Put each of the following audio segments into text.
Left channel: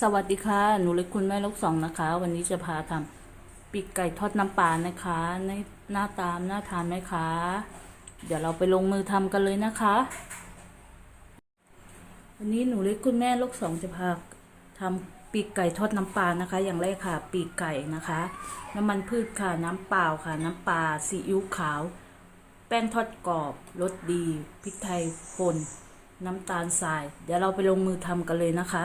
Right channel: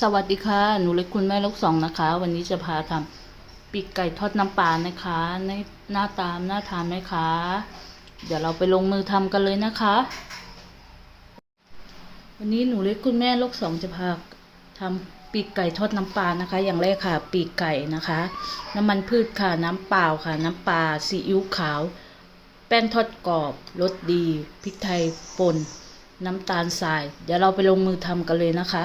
สวัสดีค่ะ หนูเล็กคุณแม่ลูกสองนะคะ วันนี้จะพาทำปีกไก่ทอดน้ำปลานะคะ ในหน้าตามหน่าทานไหมคะ เดี๋ยวเราไปลงมือทำกันเลยนะคะ วันนี้หนูเล็กคุณแม่ลูกสองจะพาทำปีกไก่ทอดน้ำปลานะคะ อย่างแรกค่ะ ปีกไก่นะคะ น้ำมันพืชค่ะ น้ำเปล่าค่ะ น้ำปลาซีอิ๊วขาว แป้งทอดกรอบรสดีพริกไทยป่นน้ำตาลทราย เดี๋ยวเราไปลงมือทำกันเลยนะคะ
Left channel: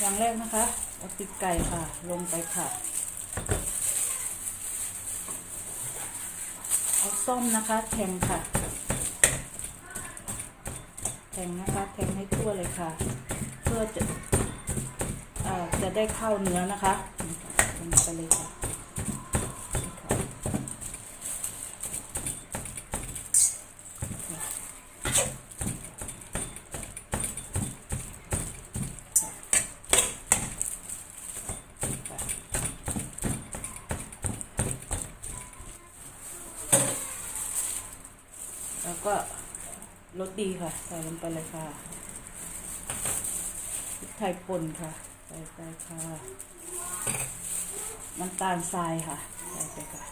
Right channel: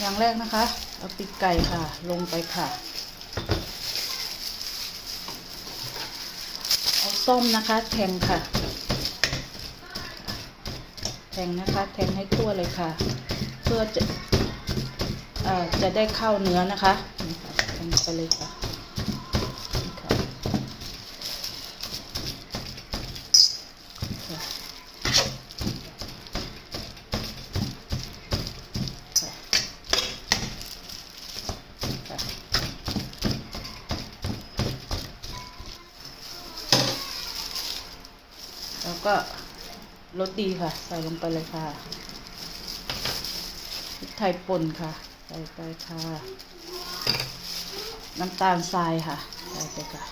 อย่างแรกนะคะ เอาปีกไก่ค่ะ ลงไปค่ะ เอาส้มนะคะแทงค่ะ แทงนะคะแทงให้ทั่วเลยค่ะ เพื่อจะอจะได้เข้าเนื้อนะคะนี่ค่ะแทงไปเลยค่ะ แล้วก็รสดีค่ะ ใส่ลงไปเลยค่ะพริกไทยป่นค่ะ ใส่ไปค่ะ น้ำตาลทรายค่ะ ใส่ไปค่ะ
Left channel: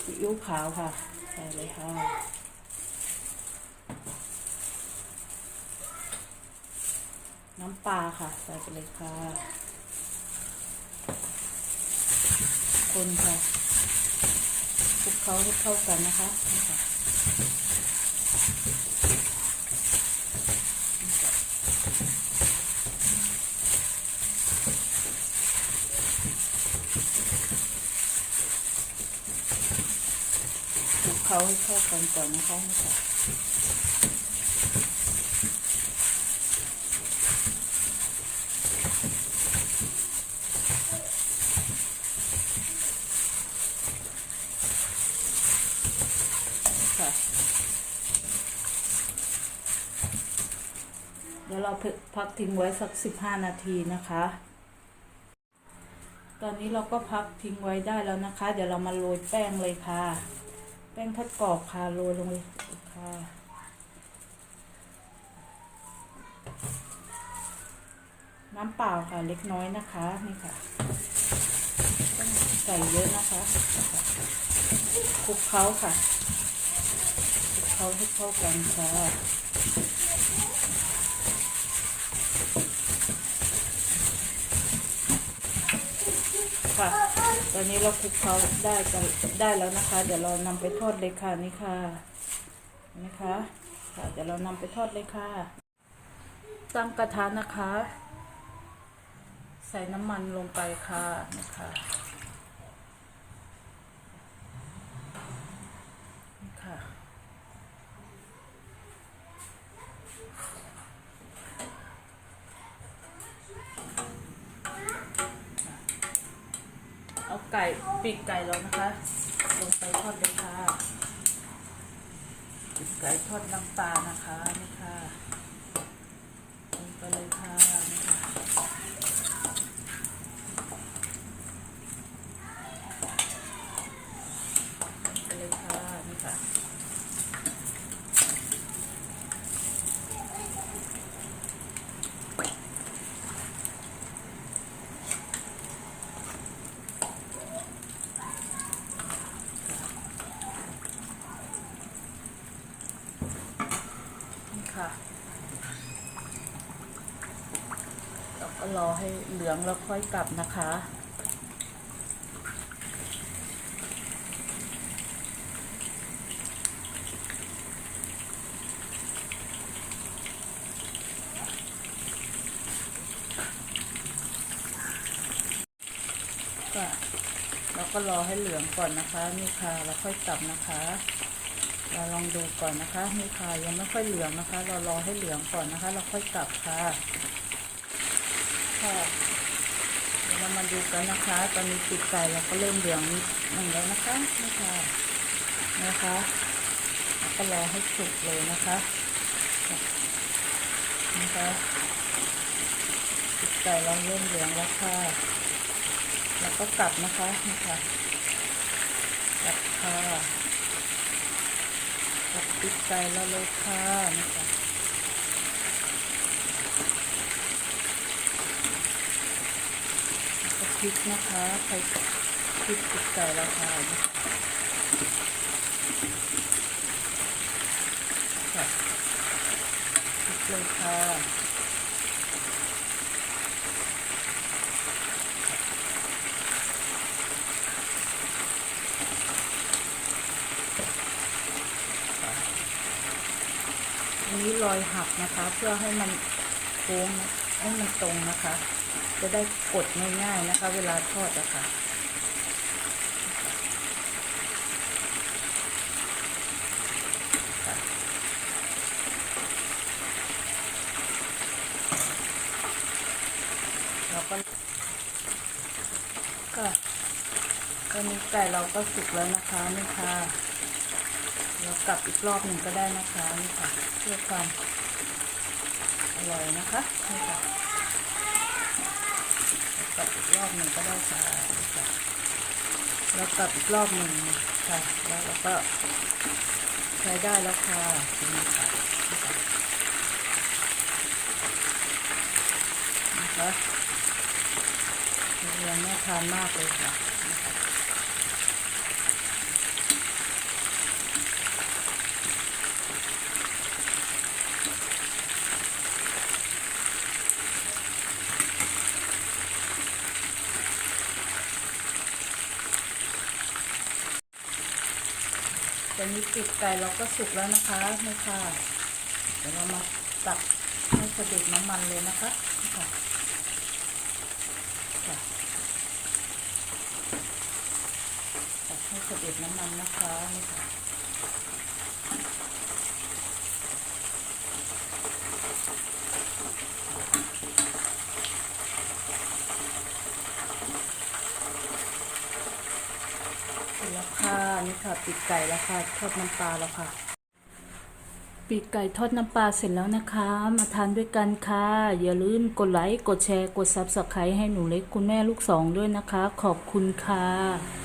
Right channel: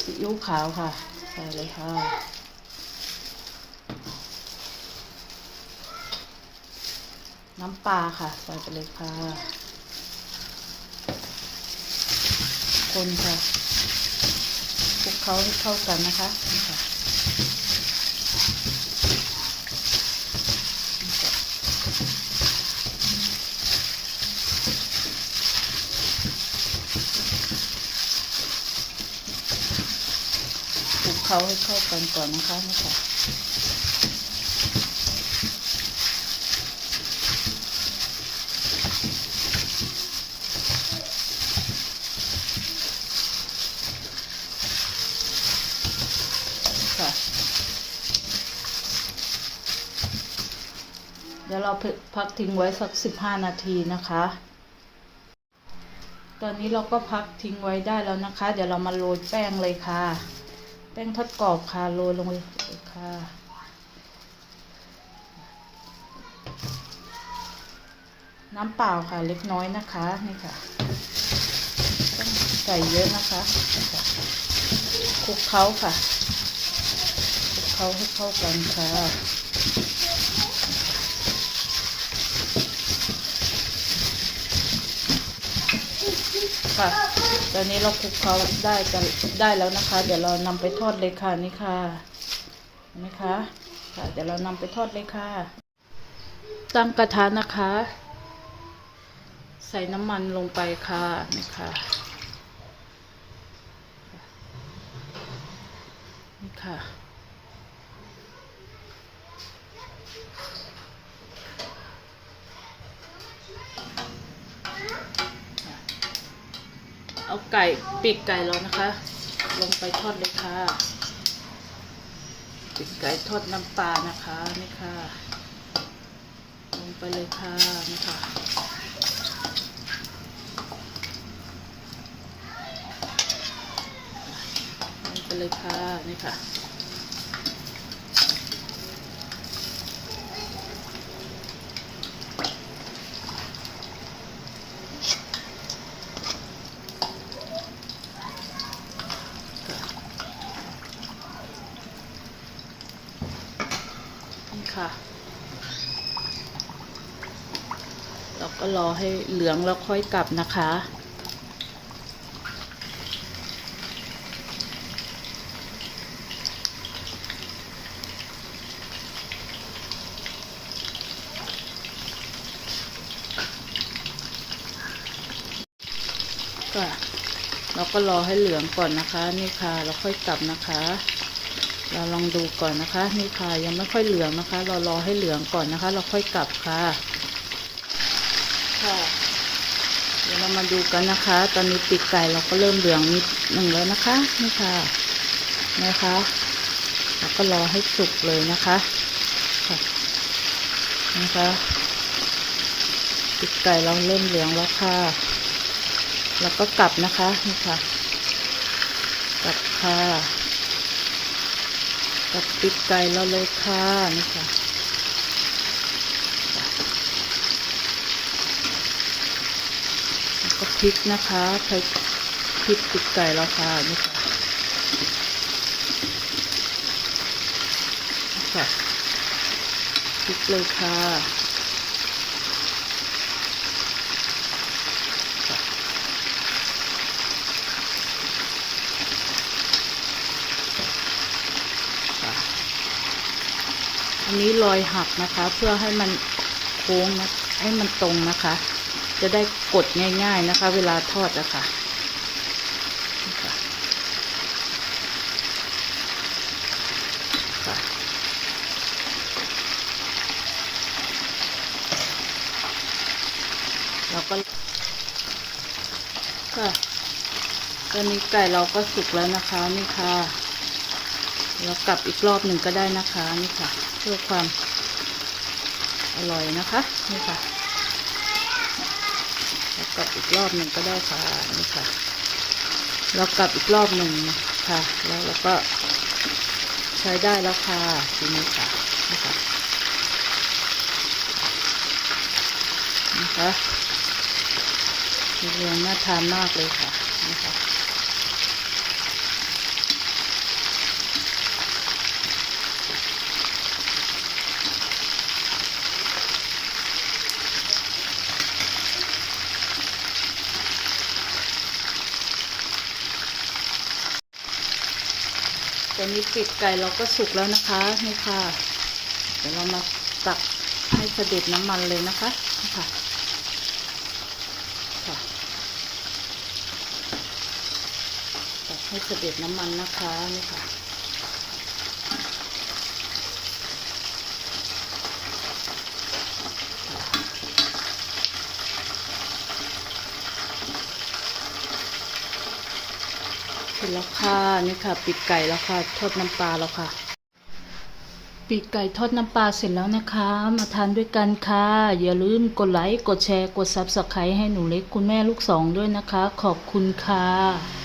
ซีอิ๊วขาวค่ะ ใส่เลยค่ะน้ำปลาค่ะ ใส่ไปเลยค่ะ คนค่ะ เขาให้เข้ากันนะคะคลุกเขาให้เข้ากันก่อนนะคะนะคะเดี๋ ยวเราพักทิ้งไว้สักสิบห้านาทีนะคะ ตอนนี้เราก็พักทิ้งไว้ได้แล้วนะคะ เดี๋ยวเรามาโรยแป้งเลยค่ะ แป้งทอดกรอบค่ะโรยลงเลยค่ะน้ำเปล่าค่ะเล็กน้อยนะคะนี่ค่ะต้องใส่เยอะนะคะคลุกเคล้าค่ะเขาให้เข้ากันค่ะ ค่ะ ตอนนี้เราคลุกเขาได้จะได้แล้วนะคะ เดี๋ยวเรานำไปทอดเลยค่ะนี่ค่ะนะคะค่ะเดี๋ยวเรานำไปทอดเลยค่ะ ตั้งกระทะนะคะ ใส่น้ำมันลงไปค่ะนี่ค่ะนี่ค่ะ เอาไก่ปีกไก่แล้วนะคะ ลงไปทอดเลยค่ะปีกไก่ทอดน้ำปลานะคะนี่ค่ะลงไปเลยค่ะนี่ค่ะลงไปเลยค่ะนี่ค่ะ นี่ ค่ะ เราก็รอให้เหลืองแล้วค่อยกลับนะคะ ค่ะ เราก็รอให้เหลืองก่อนนะคะ นี่ค่ะ เราค่อยกลับนะคะ เราลองดูก่อนนะคะ นี่ค่ะยังไม่ค่อยเหลืองนะคะ เรารอให้เหลืองก่อนนะคะ เราค่อยกลับค่ะค่ะเดี๋ยวเรามาดูกันนะคะ ตอนนี้ปีกไก่เราก็เริ่มเหลืองนิดหนึ่งแล้วนะคะนี่ค่ะนะคะเราก็รอให้สุกเลยนะคะนะคะปีกไก่เราเริ่มเหลืองแล้วค่ะ แล้วก็กลับนะคะนี่ค่ะกลับค่ะ ตัดปีกไก่เราเลยค่ะนี่ค่ะแล้วก็พริกนะคะใช้พริกปีกไก่เราค่ะนี่ค่ะนี่ค่ะพริกเลยค่ะ อันนี้รอยหักนะคะ เพื่อให้มันโค้งนะให้มันตรงนะคะ จะได้กดง่ายๆนะคะ เวลาทอดอะค่ะเราก็ค่ะตอนนี้ไก่เราก็สุกแล้วนะคะนี่ค่ะ แล้วกลับอีกรอบหนึ่งก็ได้นะคะนี่ค่ะเพื่อความอร่อยนะคะนี่ค่ะแล้วกลับอีกรอบหนึ่งก็ได้ค่ะนี่ค่ะแล้วกลับอีกรอบหนึ่งค่ะ แล้วเราก็ใช้ได้แล้วค่ะทีนี้ค่ะนี่ค่ะนะคะเรียงน่าทานมากเลยค่ะนี่ค่ะ ตอนนี้ปีกไก่เราก็สุกแล้วนะคะนี่ค่ะเดี๋ยวเรามาตักให้เสด็จน้ำมันเลยนะคะนี่ค่ะค่ะตักให้เสด็จน้ำมันนะคะนี่ค่ะ จแล้วค่ะนี่ค่ะปีกไก่แล้วค่ะ ทอดน้ำปลาแล้วค่ะ ปีกไก่ทอดน้ำปลาเสร็จแล้วนะคะ มาทานด้วยกันค่ะ อย่าลืมกดไลค์กดแชร์กดซับสไครต์ให้หนูเล็กคุณแม่ลูกสองด้วยนะคะ ขอบคุณค่ะ